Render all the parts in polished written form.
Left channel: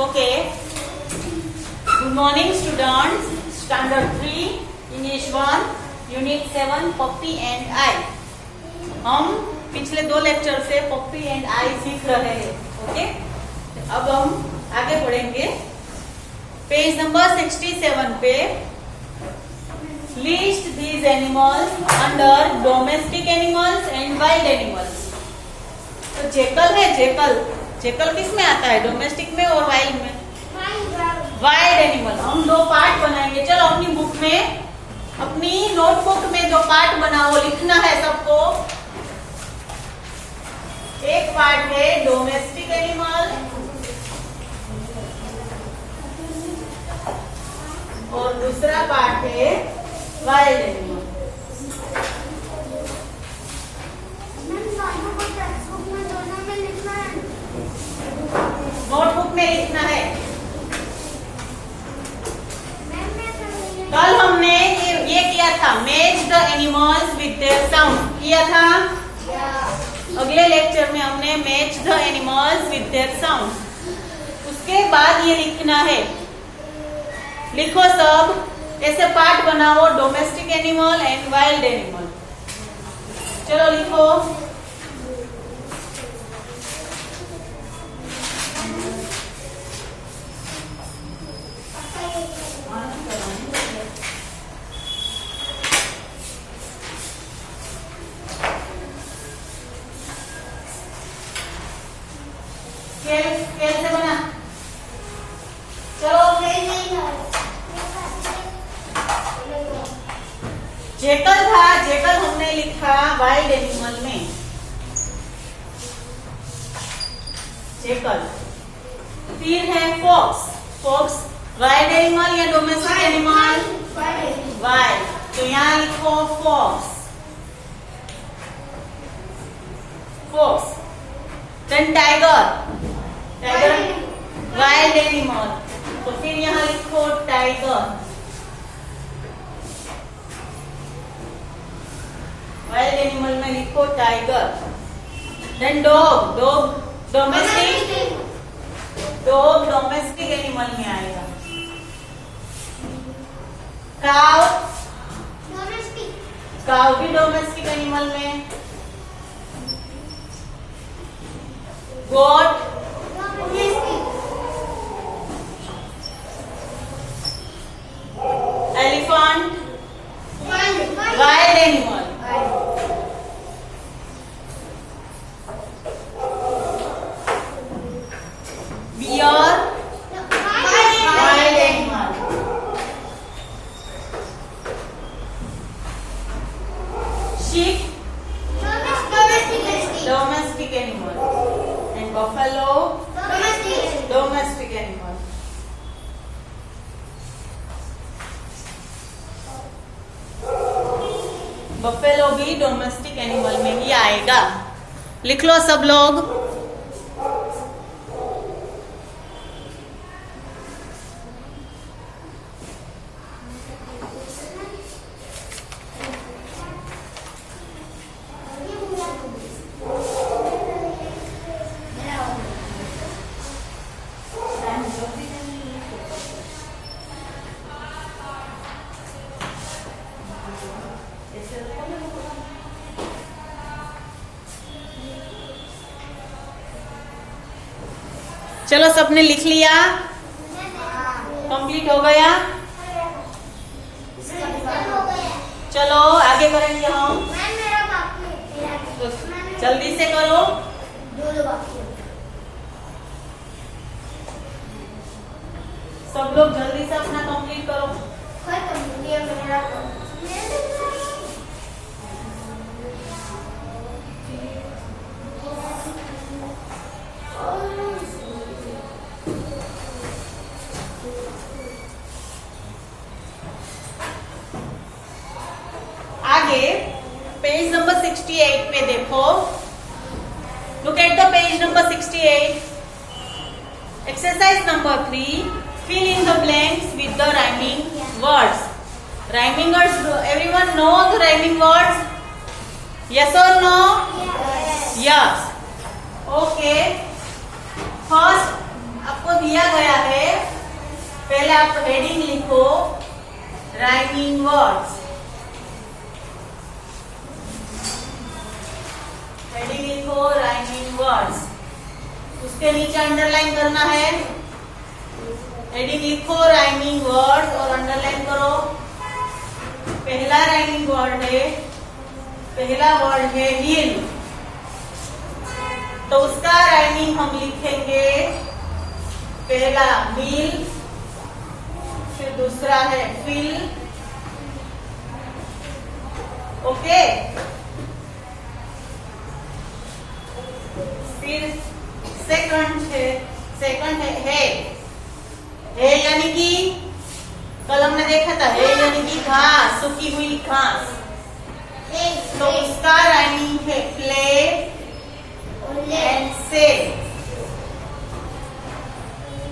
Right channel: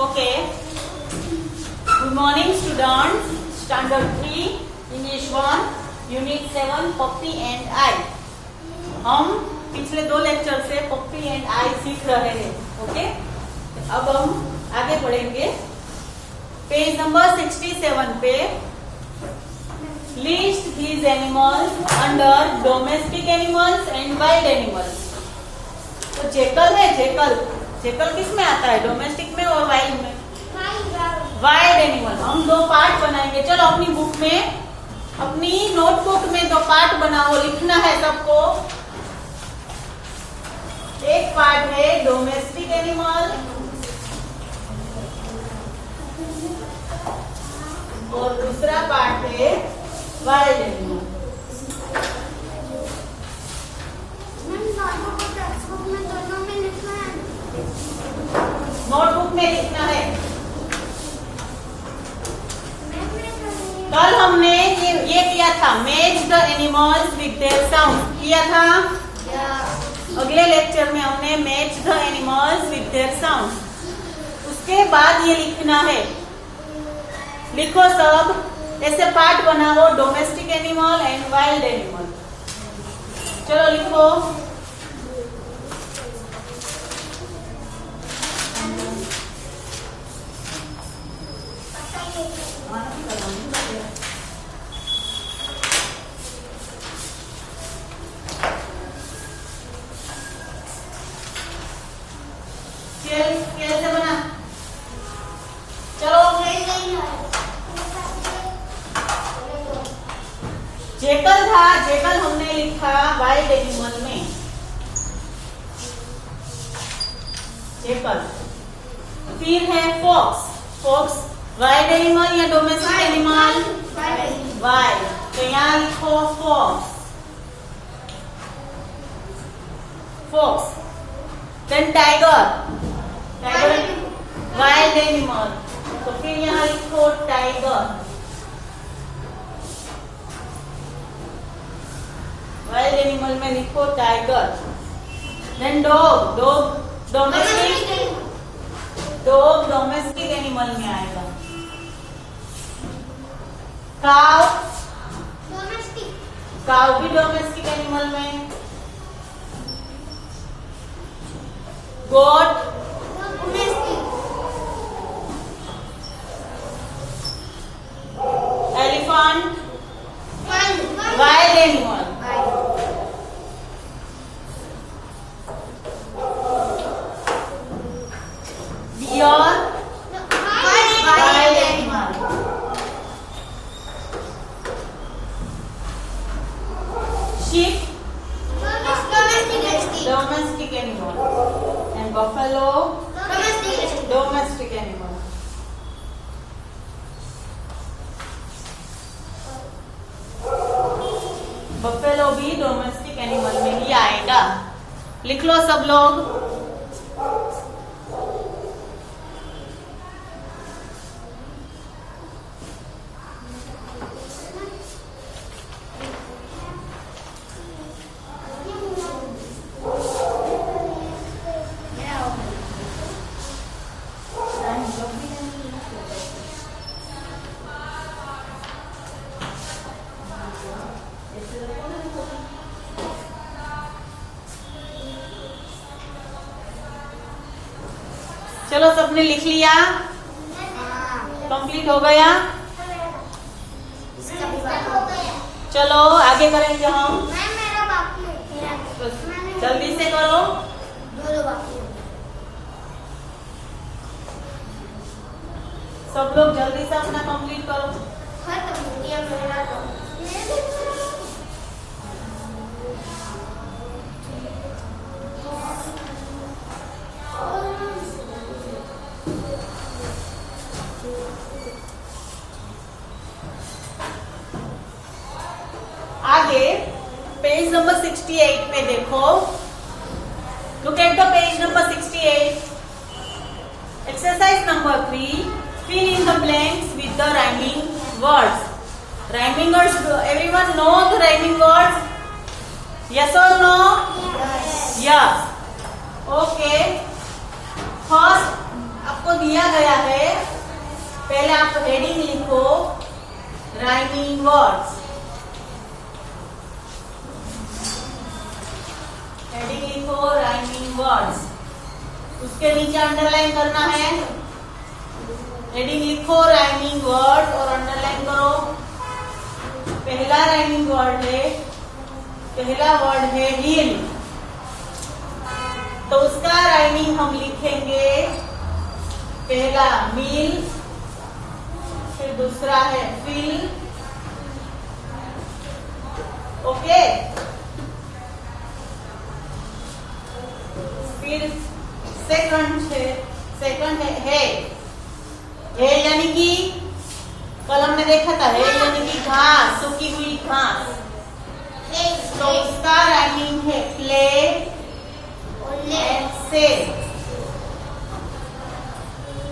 Okay. Good morning, students. Standard 3, English 1, Unit 7, puppy and I. हम पिछले 2 lecture से पप्पी and आई सीख रहे हैं. ओके. अब हम आगे बढ़ेंगे. पेज नंबर 67 पे list these animals under domestic animals and wild animals. तो जेकल है, जेकल किस में आता है, डोमेस्टिक में और वाइल्ड में? Wild animal. हम 2 पार्ट बनाएंगे. चलो अपनी बुक में, अपनी नोटबुक में 2 पार्ट बनाओ. लिखना है सबको. एक पार्ट है डोमेस्टिक एनिमल और दूसरा पार्ट है वाइल्ड एनिमल. नोटबुक में लिखना है. कल हमने ये किया था, match the animals with their sound किया था. अगले लेक्चर में हमने match the animals with their sound. उसके बाद ये लिखना है. लिखो सब, ऐसे पार्ट बनाओ. Domestic animal and wild animal. चलो लिखो. स्केल से बना. चलो. जेकल था, जेकल हमने लिखा वाइल्ड एनिमल में. जेकल. फिर है फॉक्स. फॉक्स वाइल्ड एनिमल या डोमेस्टिक एनिमल? वाइल्ड. तो यहाँ लिखो fox. Fox. Then tiger. Tiger wild animal. तो फिर यहाँ लिखो टाइगर. वाइल्ड एनिमल में लिखो tiger. Then dog. Dog domestic. Dog domestic animal में आएगा. काव. काव भी डोमेस्टिक एनिमल में. Goat. Elephant wild animal. Bear wild animal. sheep domestic animal and buffalo domestic animal. Buffalo भी डोमेस्टिक एनिमल में ही आएगा. लिख लो सब लोग. चलो सबने लिख लिया? कंप्लीट हो गया? चलो आगे करेंगे हम. जल्दी से करो. सब लोग जल्दी से अपना कंप्लीट करो. आगे पेज नंबर 68 पे देखो. Look at the page number 68. Exercise number 3. Fill in the blanks with the rhyming words. Rhyming words. Everyone know the rhyming words? Yes और नो? यस. ओके. फर्स्ट आपको दिया गया है, पहले आप हेडिंग लिखो राइमिंग वर्ड्स। हेडिंग लिखो rhyming words, उसके नीचे अंडरलाइन करना है। हेडिंग लिखो राइमिंग वर्ड और अंडरलाइन करो। पहला राइमिंग वर्ड है, पहला वर्ड है हिल, तो उसका राइमिंग हम लिखेंगे पहला मिल, फिर दूसरा है फिल। ओके, फिर सेकंड है है यानी कि कल हमने देखा था, है यानी कि घास, सूखी हुई घास, तो उसका राइमिंग है प्ले एंड से।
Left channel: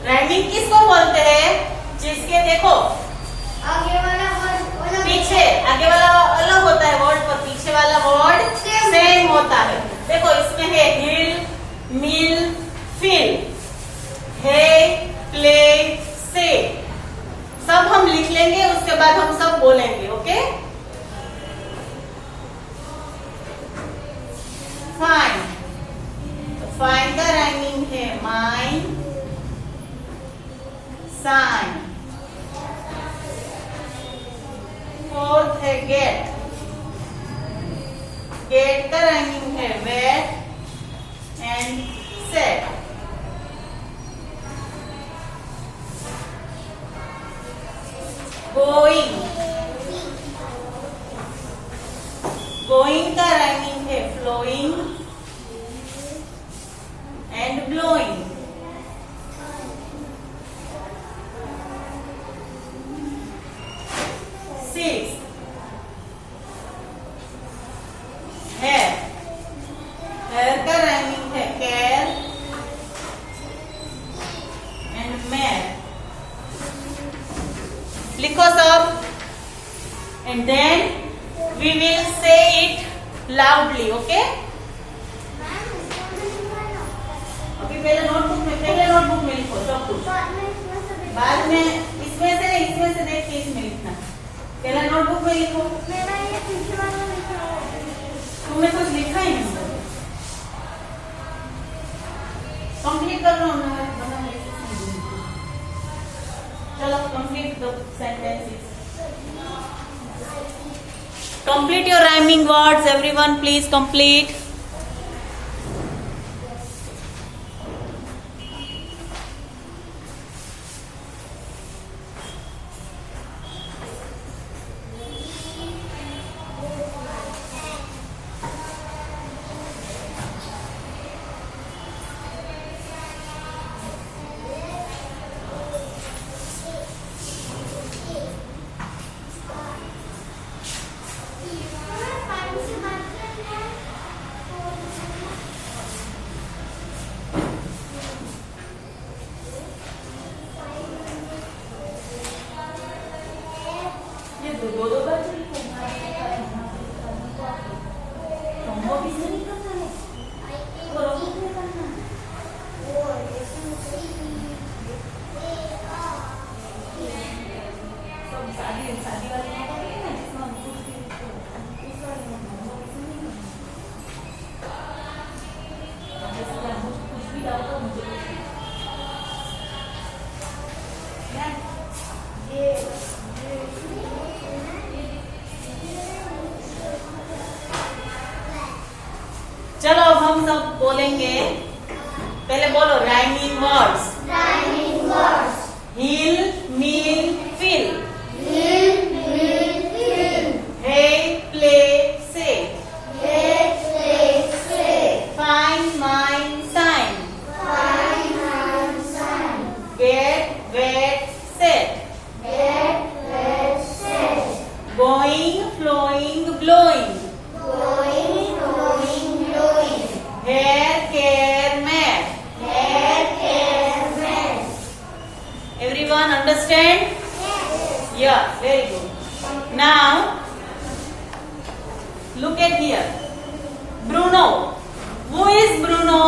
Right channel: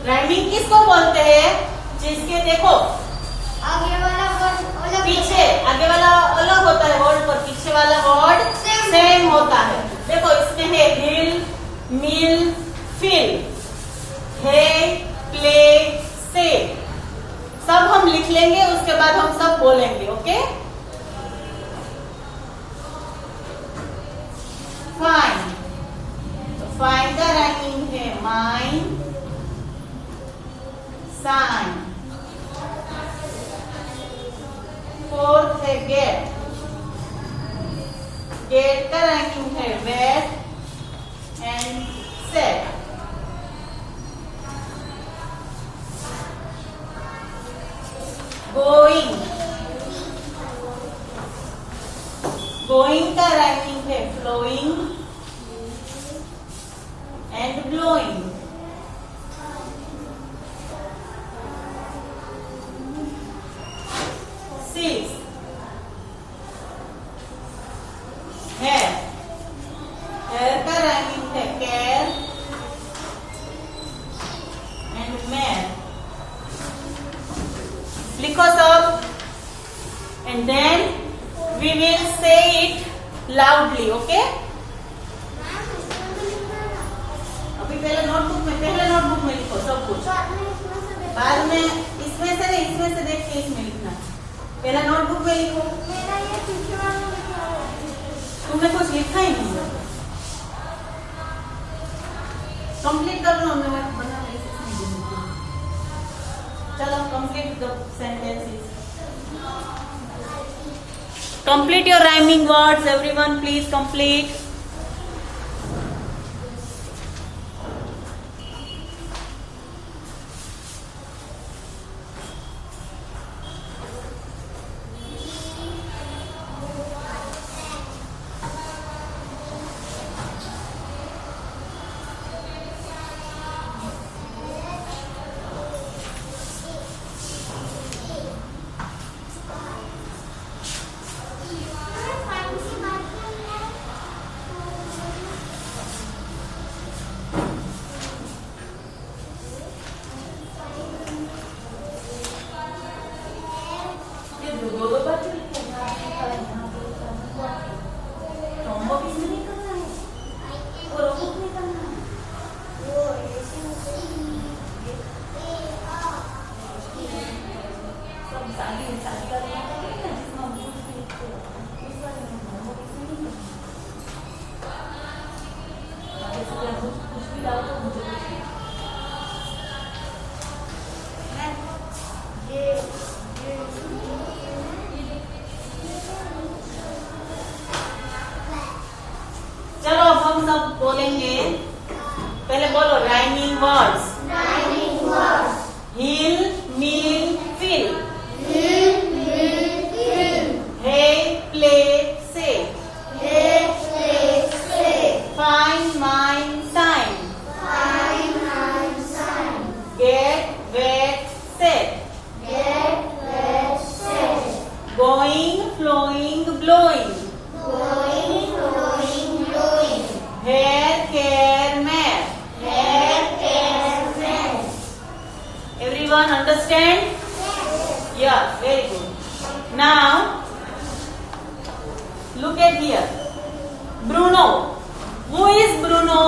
राइमिंग किसको बोलते हैं? जिसके देखो आगे वाला वर्ड पीछे, आगे वाला अलग होता है वर्ड पर, पीछे वाला वर्ड सेम होता है। देखो इसमें है हिल, मिल, फिल, है, प्ले, से, सब हम लिख लेंगे, उसके बाद हम सब बोलेंगे। ओके, फाइन, फाइन का राइमिंग है माइन, साइन। फोर्थ है गेट, गेट का राइमिंग है wet and set. Going, going का राइमिंग है flowing and blowing. Six, hair, hair का राइमिंग है केयर एंड मैर। लिखो सब, and then we will say it loudly. Okay, अभी पहले नोटबुक में लिखो सब कुछ, बाद में इसमें से नहीं, इसमें से देख के इसमें लिखना। पहले नोटबुक में लिखो। तुमने कुछ लिखा ही नहीं, कंप्लीट कर लो। हमने चलो complete the sentences. Complete your rhyming words everyone, please complete. चलो अब हम सब बोलेंगे। पहले बोलो rhyming words. Hill, mill, fill, hay, play, say, find, mind, sign, get, wet, set, going, flowing, blowing, hair, care, mare. Everyone understand? Yeah, very good. Now, look at here. Bruno. Who is Bruno?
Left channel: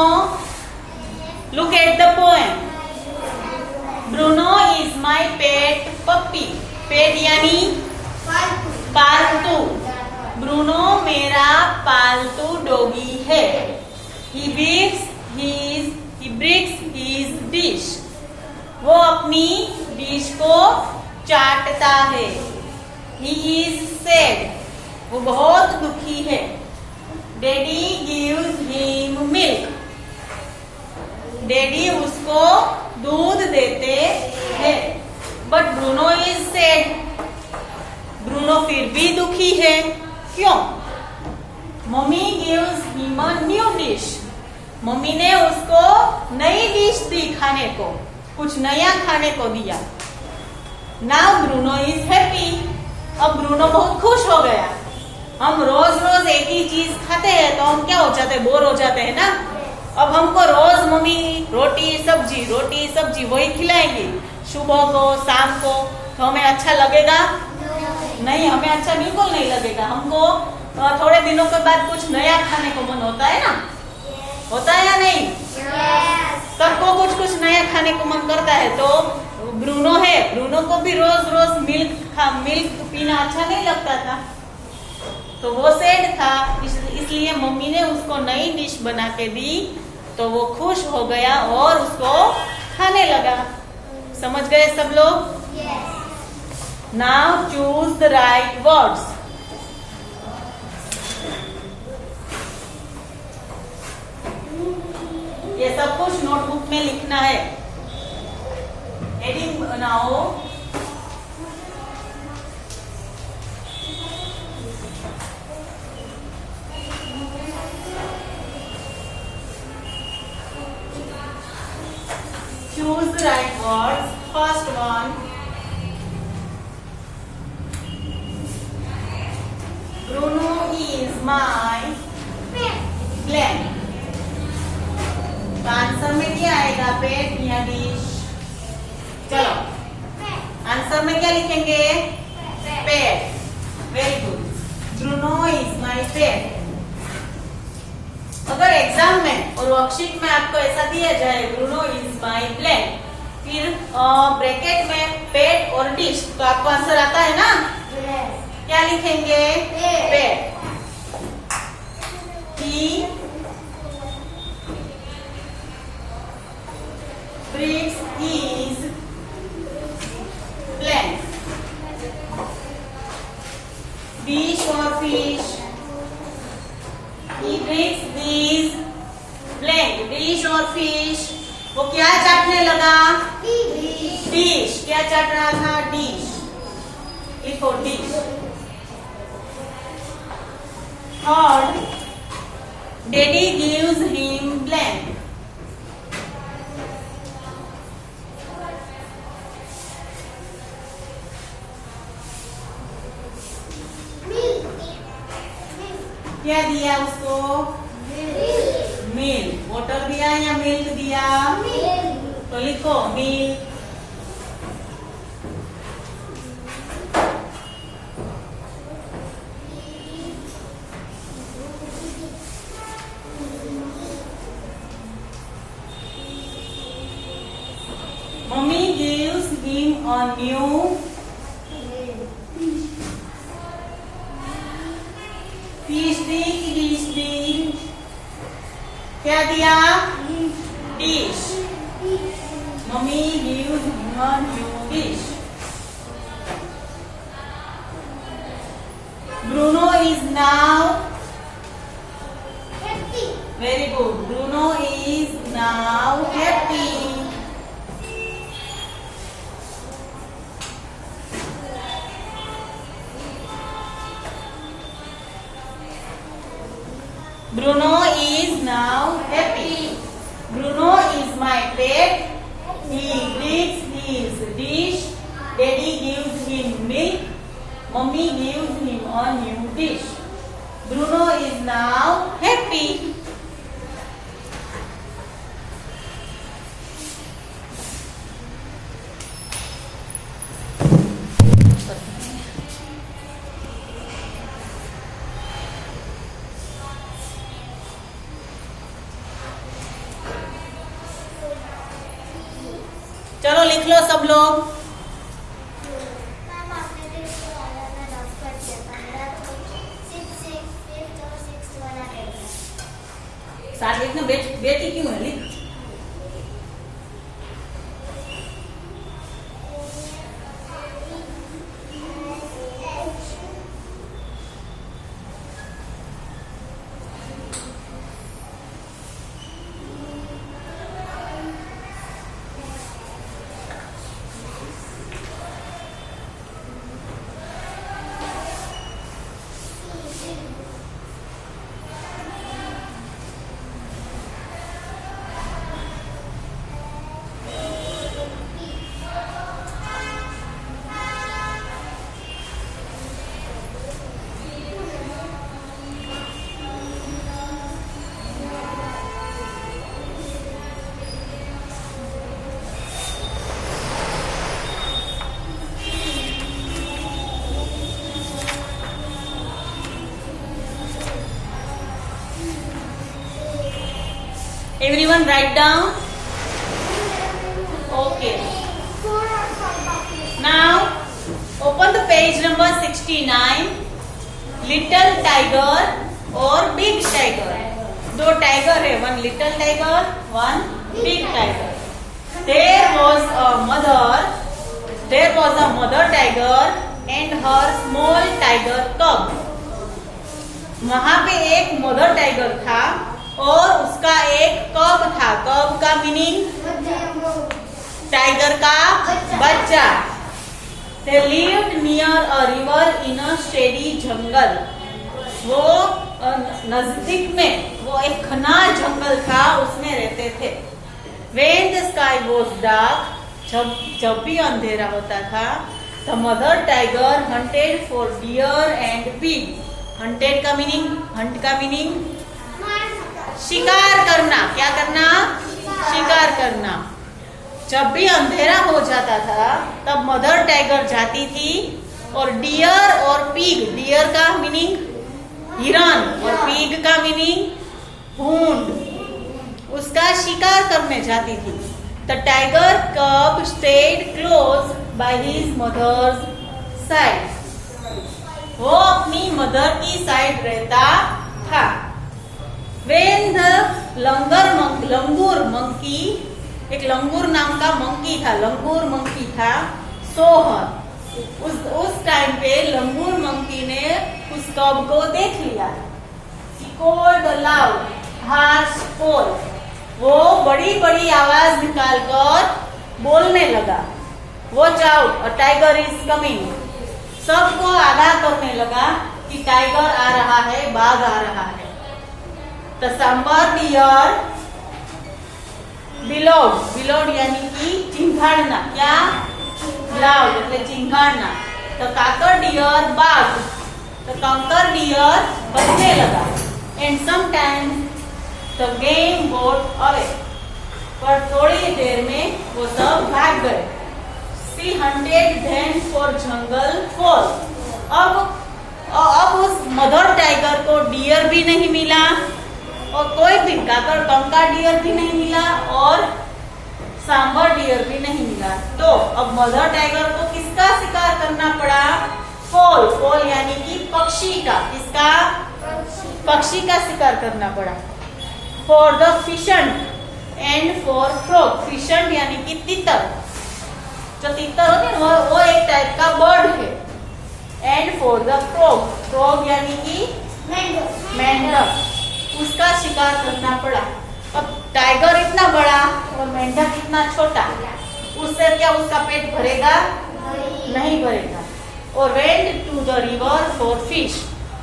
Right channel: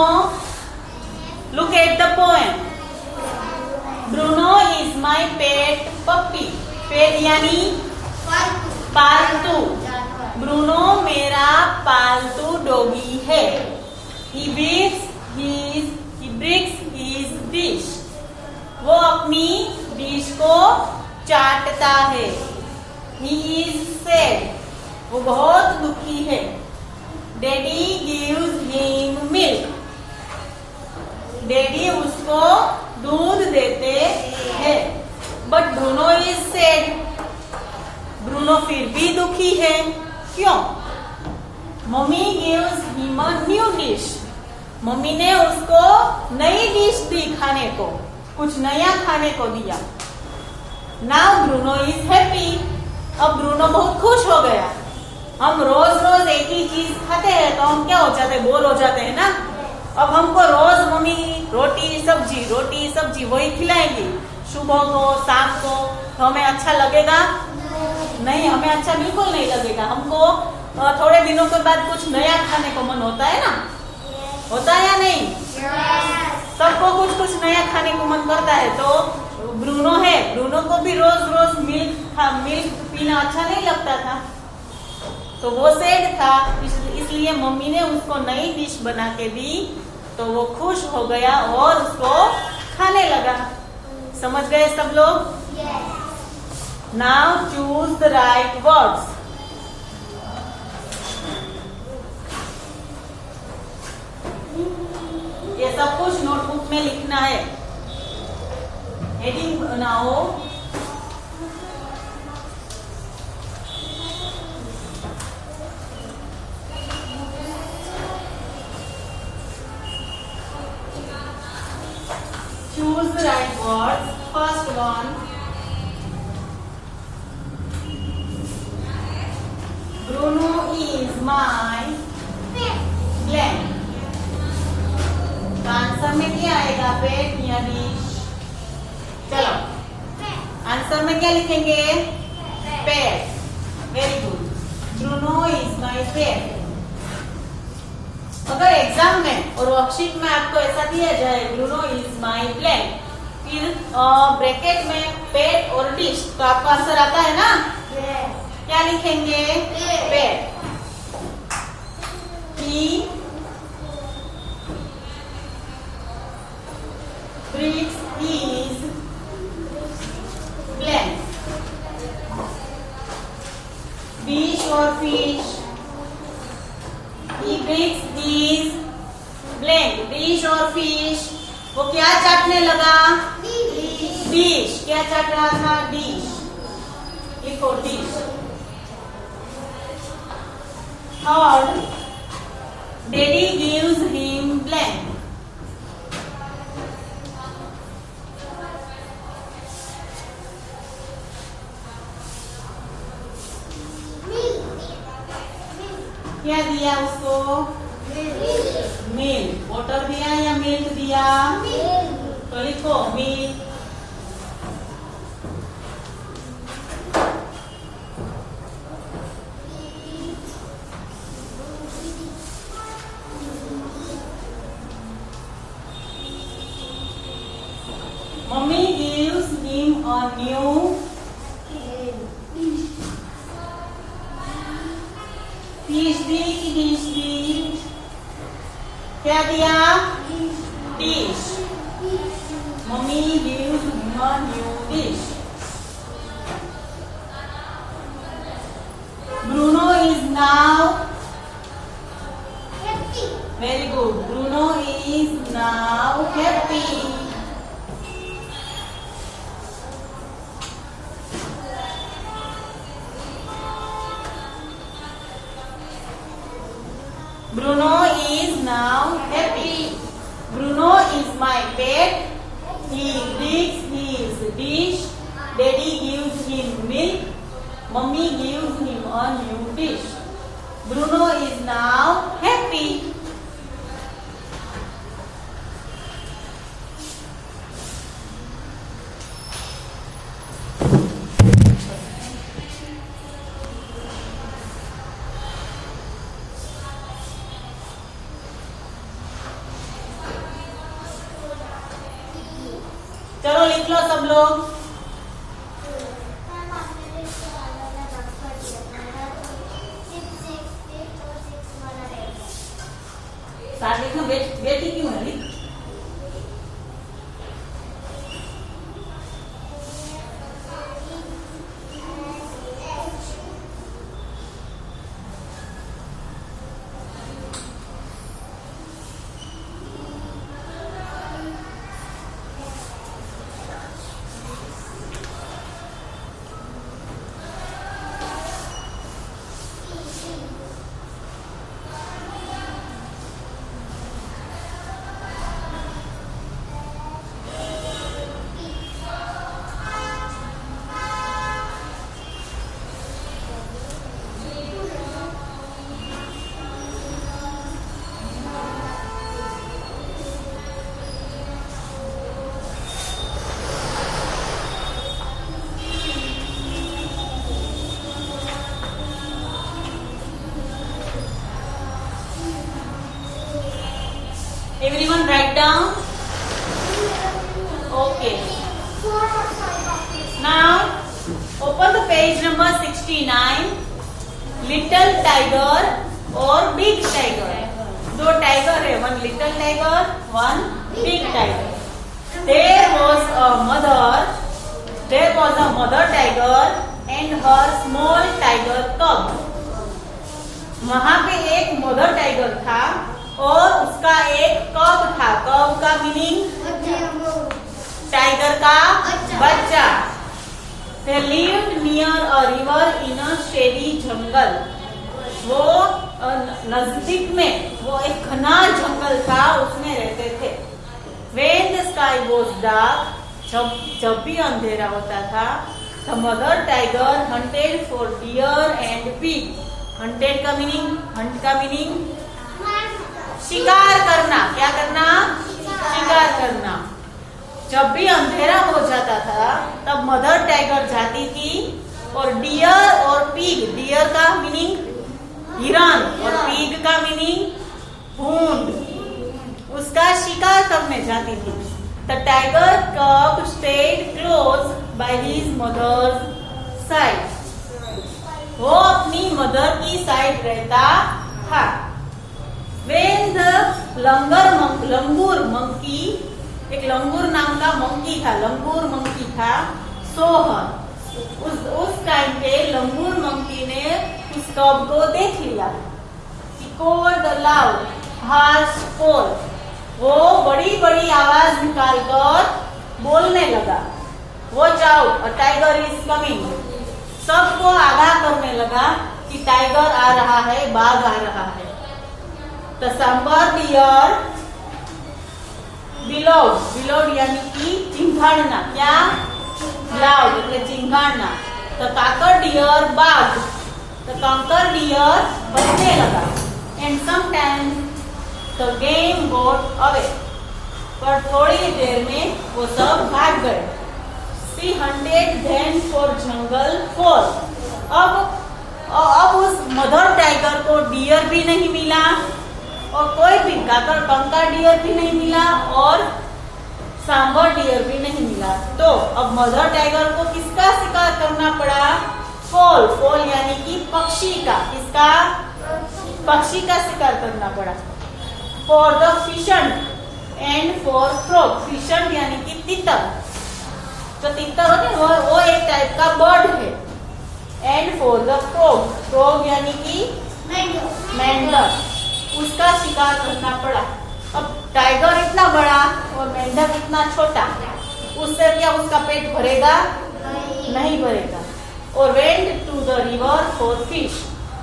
Look at the poem. माई पेट पप्पी। पेट यानी पालतू पालतू। जानवर। Bruno मेरा पालतू doggy है। He breaks his dish। वो अपनी dish को चाटता है। He is sad। वो बहुत दुखी है। Daddy gives him milk। Daddy उसको दूध देते हैं। But Bruno is sad। Bruno फिर भी दुखी है। क्यों? Mummy gives him a new dish। Mummy ने उसको नई डिश दी खाने को, कुछ नया खाने को दिया। Now Bruno is happy। अब ब्रूनो बहुत खुश हो गया। हम रोज रोज एक ही चीज खाते हैं तो हम क्या हो जाते हैं, बोर हो जाते हैं ना। अब हमको रोज मम्मी रोटी सब्जी वही खिलाएंगी सुबह को शाम को, तो हमें अच्छा लगेगा नहीं, हमें अच्छा बिल्कुल नहीं लगेगा। हमको थोड़े दिनों के बाद कुछ नया खाने को मन होता है ना, होता है या नहीं? सबको कुछ कुछ नया खाने को मन करता है। तो ब्रूनो है, ब्रूनो को भी रोज रोज मिल्क पीना अच्छा नहीं लगता था, तो वो सैड था। इसलिए मम्मी ने उसको नई डिश बना के दी तो वो खुश हो गया और उसको खाने लगा। समझ गए सब लोग? Now choose the right words. ये सब कुछ नोटबुक में लिखना है। हेडिंग बनाओ। Choose the right words. First one. Bruno is my blank। तो आंसर में क्या आएगा? पेट या डिश? चलो आंसर में क्या लिखेंगे? Pet. Very good. Bruno is my pet. अगर एग्जाम में और वर्कशीट में आपको ऐसा दिया जाए ब्रूनो इज माई ब्लैंक, फिर ब्रैकेट में पेट और डिश, तो आपको आंसर आता है ना? क्या लिखेंगे? पेट। He breaks his blank। Dish और fish? He breaks these blank। Dish और फिश, वो क्या चाटने लगा? डिश। क्या चाट रहा था? डिश। लिखो dish. Third, daddy gives him blank. क्या दिया उसको? मिल्क। वाटर दिया या मिल्क दिया? तो लिखो milk. Mummy gives him a new fish दी कि डिश दी? क्या दिया? Dish. Mummy gives him a new dish. Bruno is now happy. Very good. Bruno is now happy. Bruno is now happy। Bruno is my pet। He breaks his dish। Daddy gives him milk। Mummy gives him a new dish। Bruno is now happy। चलो लिख लो सब लोग। साथ लिखना, बेटी क्यों है, लिख। Everyone write down. Okay. Now open the page number 69. Little tiger और big tiger. दो tiger है, one little tiger, one big tiger. There was a mother tiger and her small tiger cub. वहां पे एक मदर टाइगर था और उसका एक कब था। कब का मीनिंग टाइगर का बच्चा। They lived near a river in a shady jungle. वो नजदीक में वो एक घना जंगल था, उसमें रहते थे। When the sky was dark, जब भी अंधेरा होता था, the mother tiger hunted for deer and pig. Hunted का मीनिंग शिकार करना। क्या करना? शिकार करना। जब भी अंधेरा हो जाता था तब मदर टाइगर जाती थी और डियर और पीग, डियर का मीनिंग हिरन और पीग का मीनिंग भूंड, उसका शिकार करने जाती थी। The tiger cub stayed close by his mother's side. वो अपनी मदर की साइड रहता था। When the लंगूर मंकी, एक लंगूर नाम का मंकी था, लंगूर मंकी था, सोहर। उस टाइम पे लंगूर मंकी ने उस कब को देख लिया। He called aloud, harsh call. वो बड़ी बड़ी आवाज निकालकर बोलने लगा, Watch out, a tiger is coming. सबको आगाह करने लगा कि टाइगर आ रहा है, बाघ आ रहा है। The sambar deer bellowed यानी कि चिंघाड़ना। क्या? loud એટલે चिंघाड़ना। The cocker deer barked. The conker deer बजने लगा। And sometimes the game got away. पर थोड़ी देर में वो सब भाग गए। She hunted then for jungle fowl. अब उस मदर टाइगर को डियर भी नहीं मिला और कोई भी कंका डियर भी नहीं मिला और सांबर डियर भी नहीं मिला। तो अब मदर टाइगर को किसका शिकार करना पड़ा? फोल यानी कि पक्षी का। किसका? पक्षी का शिकार करना पड़ा। For the fission and for frog. Fission यानी कि तितर, जो तितर होते हैं वो एक टाइप का बर्ड है। एंड फॉर द फ्रॉग यानी कि मेंढक, उसका शिकार करना पड़ा। अब टाइगर इतना बड़ा और मेंढक इतना छोटा, उससे क्या उसका पेट भरेगा? नहीं भरेगा। और went to the river for fish,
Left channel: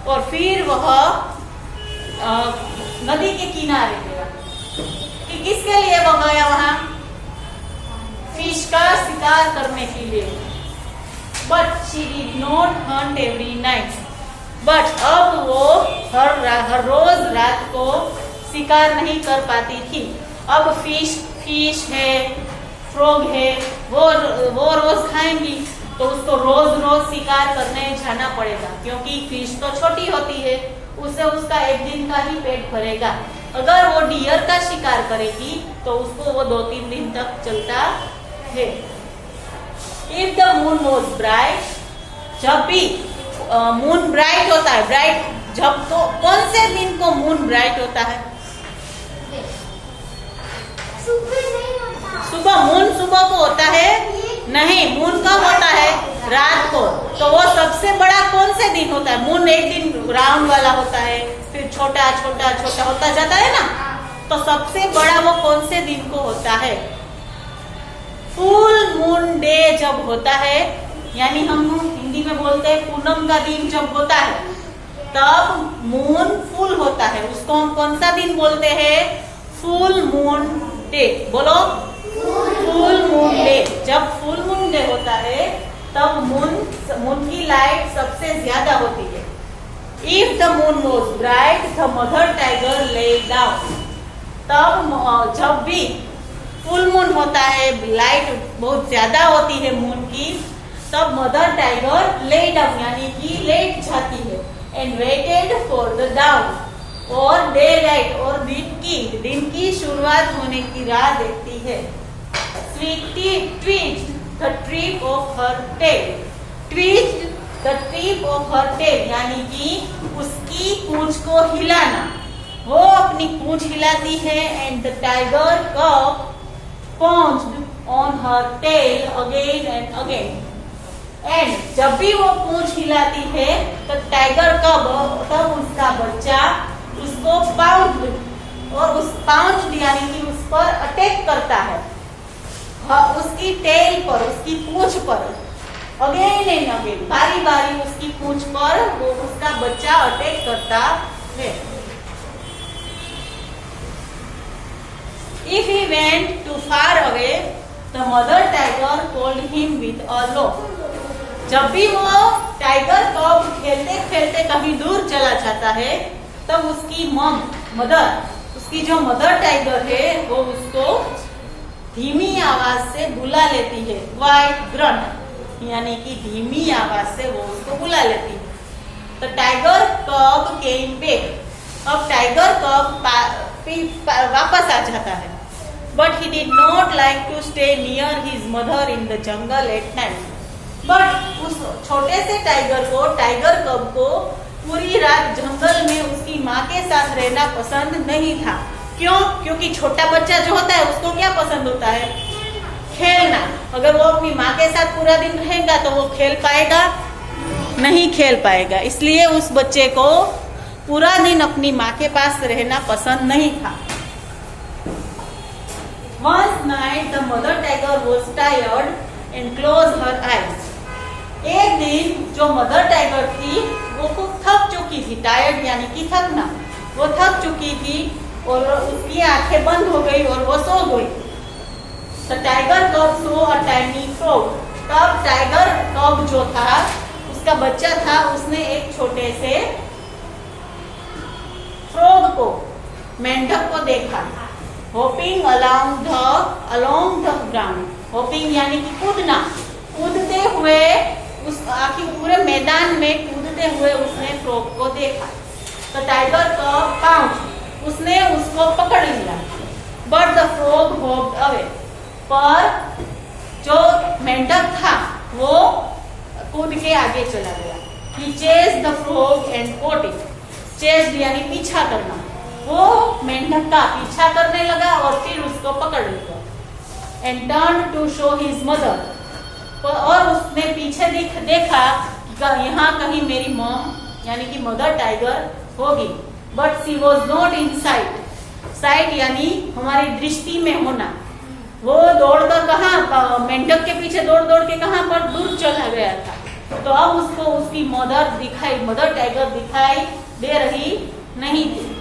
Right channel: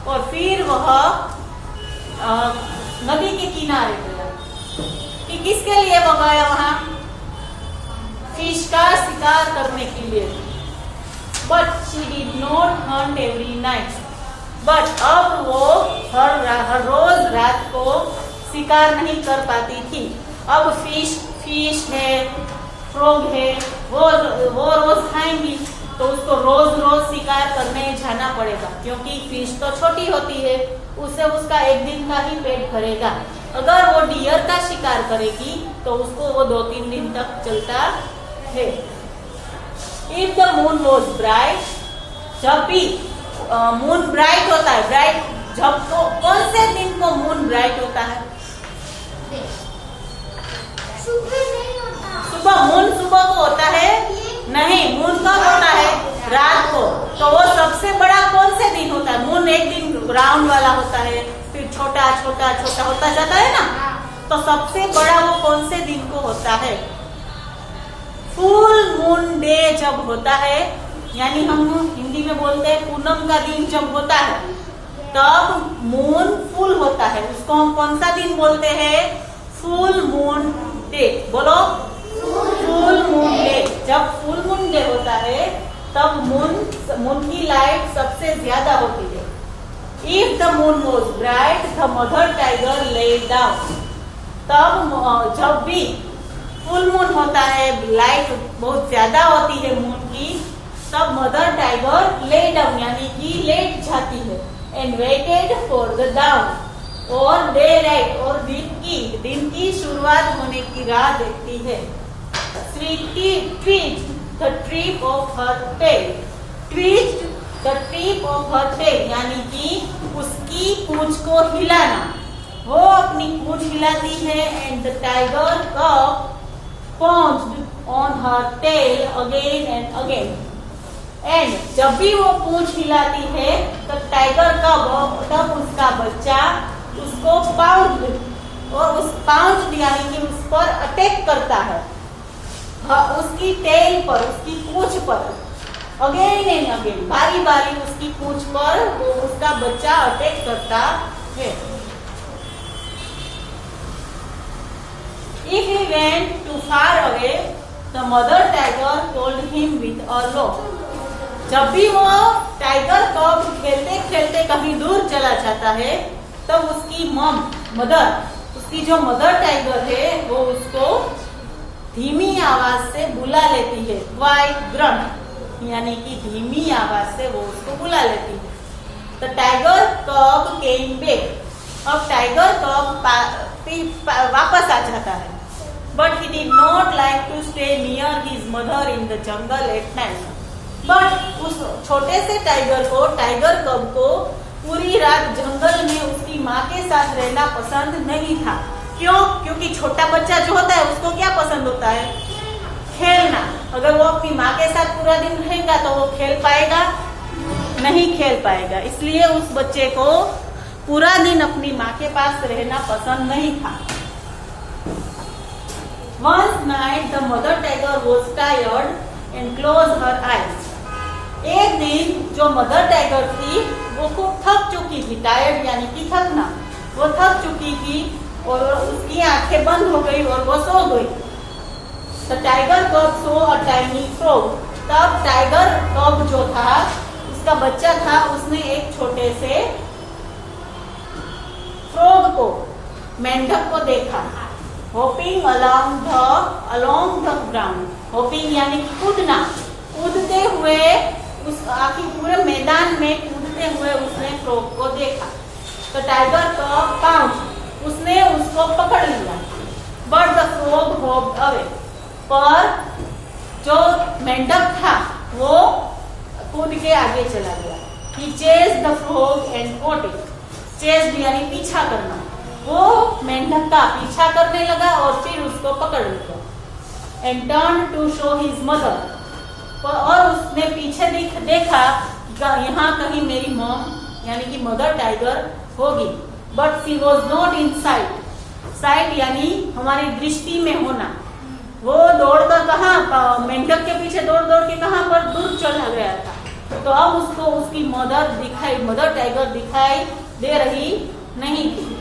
और फिर वह नदी के किनारे गया। कि किसके लिए वो गया वहां? फिश का शिकार करने के लिए। But she did not Hunt every night. But अब वो हर रोज रात को शिकार नहीं कर पाती थी। अब फिश है, फ्रॉग है, वो रोज खाएंगी तो उसको रोज शिकार करने जाना पड़ेगा, क्योंकि फिश तो छोटी होती है, उससे उसका एक दिन का ही पेट भरेगा। अगर वो डियर का शिकार करेगी तो उसको वो 2-3 दिन तक चलता है। If the moon was bright, जब भी मून ब्राइट होता है, ब्राइट जब तो कौन से दिन को मून ब्राइट होता है? सुबह नहीं होता। सुबह मून सुबह को होता है नहीं, मून कब होता है? रात को। तो वो सबसे बड़ा कौन से दिन होता है? मून एक दिन राउंड वाला होता है, फिर छोटा छोटा छोटा होता जाता है ना। तो सबसे बड़ा वो कौन से दिन को होता है? फुल मून डे जब होता है, यानी हम हिंदी में बोलते हैं पूनम का दिन जब होता है, तब मून फुल होता है। उसको हम कौन सा दिन बोलते हैं? Full moon day. बोलो, फुल मून डे। जब फुल मून डे होता है तब मून की लाइट सबसे ज्यादा होती है। If the moon was bright the mother tiger lay down. तब जब भी फुल मून होता है, लाइट बहुत ज्यादा होती है मून की, तब मदर टाइगर ले डाउन यानी कि लेट जाती है। And waited for the dawn और डे लाइट और दिन की शुरुआत होने की राह देखती है। Sweety tweet the trip of her tail. Tweet the trip of her tail यानी कि उसकी पूंछ को हिलाना। वो अपनी पूंछ हिलाती है। एंड द टाइगर कब pounced on her tail again and again. And जब भी वो पूंछ हिलाती है तो टाइगर तब उसका बच्चा उसको पाउंड और उस पाउंड यानी कि उस पर अटैक करता है, उसकी टेल पर, उसकी पूंछ पर। अगेन एंड अगेन, बारी बारी उसकी पूंछ पर वो उसका बच्चा अटैक करता है। If he went too far away, the mother tiger called him with a low. जब भी वो टाइगर कब खेलते खेलते कभी दूर चला जाता है, तब उसकी मदर, उसकी जो मदर टाइगर है, वो उसको धीमी आवाज से बुला लेती है। क्वाइट ग्रंट यानी कि धीमी आवाज से वो उसको बुला लेती है। तो टाइगर कब केम बैक। अब टाइगर कब वापस आ जाता है। But he did not like to stay near his mother in the jungle at night. But उस छोटे से टाइगर कब को पूरी रात जंगल में उसकी माँ के साथ रहना पसंद नहीं था। क्यों? क्योंकि छोटा बच्चा जो होता है उसको क्या पसंद होता है? खेलना। अगर वो अपनी माँ के साथ पूरा दिन रहेगा तो वो खेल पाएगा? नहीं खेल पाएगा। इसलिए उस बच्चे को पूरा दिन अपनी माँ के पास रहना पसंद नहीं था। One night the mother tiger was tired and closed her eyes. एक दिन जो मदर टाइगर थी वो खूब थक चुकी थी। टायर्ड यानी कि थकना। वो थक चुकी थी और उसकी आंखें बंद हो गई और वो सो गई। The tiger cub saw a tiny frog. तब टाइगर कब जो था, उसका बच्चा था, उसने एक छोटे से फ्रॉग को, मेंढक को देखा। Hopping along the ground. Hopping यानी कि कूदना। कूदते हुए उस आखिर पूरे मैदान में कूदते हुए उसने फ्रॉग को देखा। तो टाइगर का पाउंड, उसने उसको पकड़ लिया। But the frog hoped away. पर जो मेंढक था वो कूद के आगे चला गया। He chased the frog and caught it. Chased यानी पीछा करना। वो मेंढक का पीछा करने लगा और फिर उसको पकड़ लिया। And turned to show his mother. और उसने पीछे देखा यहाँ कहीं मेरी मॉम यानी कि मदर टाइगर होगी। But she was not in site. Site यानी हमारी दृष्टि में होना। वो दौड़कर कहाँ, मेंढक के पीछे दौड़ दौड़ के कहाँ पर दूर चला गया था। तो अब उसको उसकी मदर टाइगर दिखाई दे रही नहीं थी।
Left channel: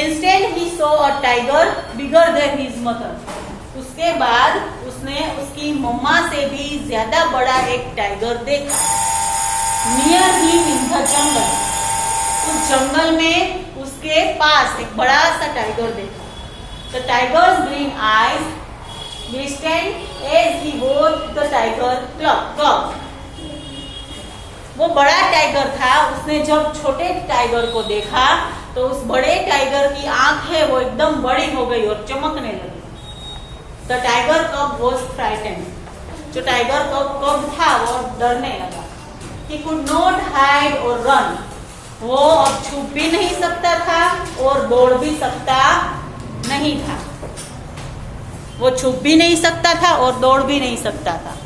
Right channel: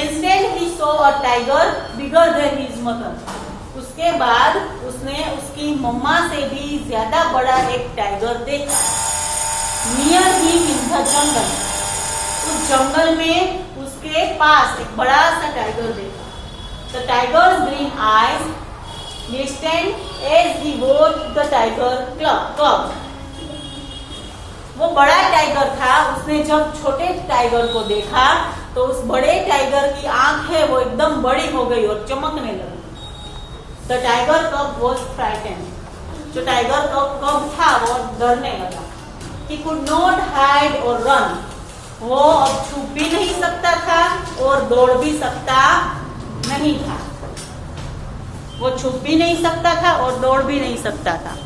Instant he saw a tiger bigger than his mother. उसके बाद उसने उसकी मम्मा से भी ज्यादा बड़ा एक टाइगर देखा। नियर हिम इन द जंगल। उस जंगल में उसके पास एक बड़ा सा टाइगर देखा। The tigers green eyes glistened as he watched the tiger cub. वो बड़ा टाइगर था। उसने जब छोटे टाइगर को देखा तो उस बड़े टाइगर की आंखें वो एकदम बड़ी हो गई और चमकने लगी। द टाइगर कब वॉज फ्राइटेंड। जो टाइगर कब था वो डरने लगा। He could not hide or run. वो अब छुप भी नहीं सकता था और दौड़ भी सकता नहीं था, वो छुप भी नहीं सकता था और दौड़ भी नहीं सकता था।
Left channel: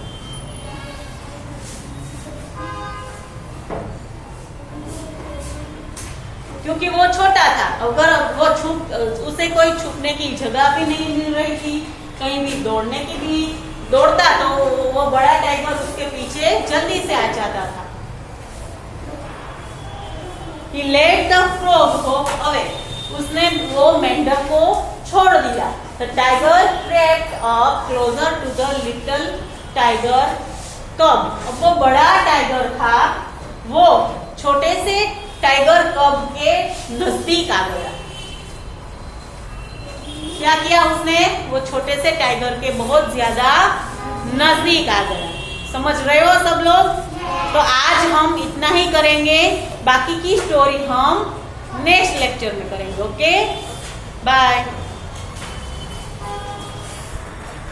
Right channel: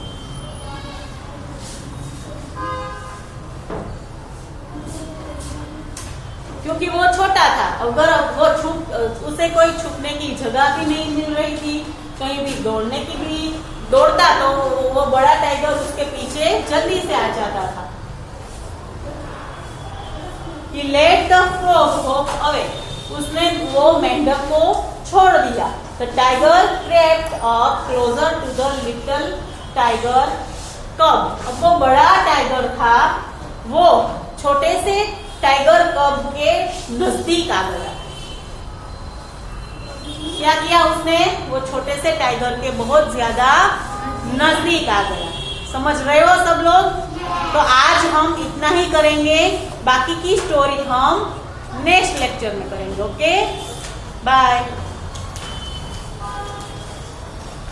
क्योंकि वो छोटा था, अगर वो उसे कोई छुपने की जगह भी नहीं मिल रही थी, कहीं भी दौड़ने की भी दौड़ता तो वो बड़ा टाइगर उसके पीछे जल्दी से आ जाता था। He let the frog hop away. उसने वो मेंढक को छोड़ दिया। The tiger crept up closer to the little tiger cub. अब वो बड़ा टाइगर था, वो छोटे से टाइगर कब के नजदीक आ गया। क्या किया उसने? वो छोटे से टाइगर के बहुत ज्यादा नजदीक आ गया। समझ रहे हो सब लोग? तो आज हम इतना ही करेंगे, बाकी की स्टोरी हम नेक्स्ट लेक्चर में करेंगे। Okay, bye.